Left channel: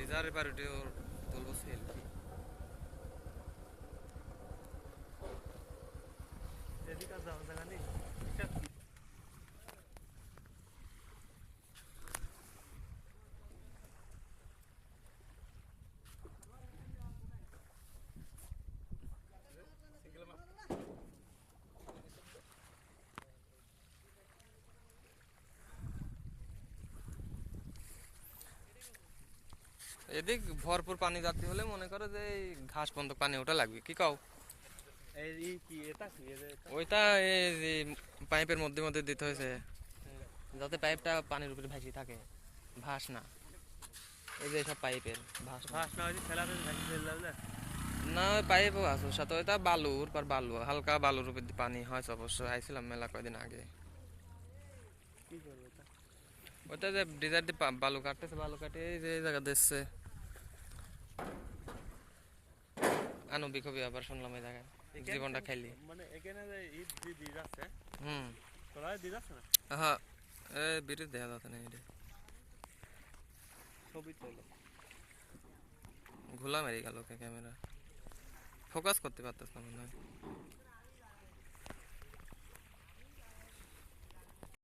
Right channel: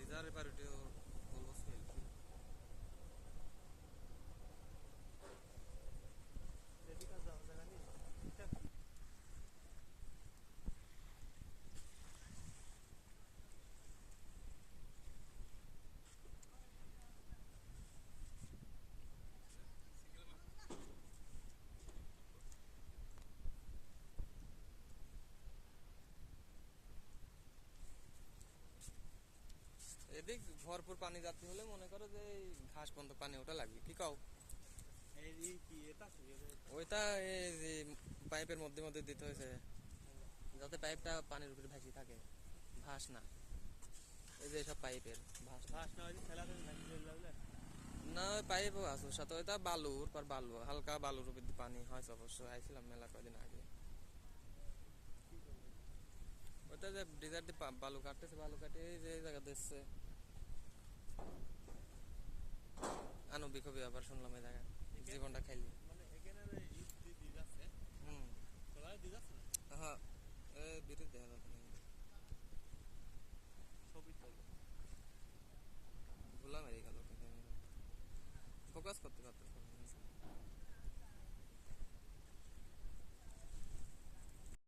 ডিজারের পারুটি ওর বলবো সেলফি। এদিকে আর যাওয়ার জায়গা নেই। এদিক ভরপুর পানি যাত্রী হলে মনে করো যে এই ঘাস পর্যন্ত পানি ওটা লাগবে, কি কও? এই কি এটা কি এটা? ওইটা এই যে পাইপের মধ্যে মধ্যে দিতে হয়েছে যাতে পাইপটা পানির উপরে ভাসি থাকে, ভাস না। এই যে সব পাইপের ভাস না। ফার্স্ট না হইছে ঠেলাতে ভাঙি ফেল যাবে। না ওই পাইপও আছে ওর সাথে, ওইটা বালুর পর বালু, হালকা বালুর উপর দিয়ে পানি হয় অবশ্য, আইছিলাম মেলা কয়দিন আগে। কি করবে এটা? ওইটা যে ডিজার দিয়ে বালু কাটতেছে, বালু কাটে এই যে এই জায়গা দিচ্ছে। আনবিক হবি আবার শুনলাম এই জায়গায়, জীবনটা খাইলি। মানে এখানে যে ঈদ যে দিয়ে যাচ্ছে, হুম। তোরা দিয়ে যাচ্ছে না হ্যাঁ, এ বিদ্যুৎ দেখা যাচ্ছে না এটা, ছবি তোলে। ঘোলা মেরে গেল ক্যামেরা, ফোকাস করতে পারতেছ না মনে হয়।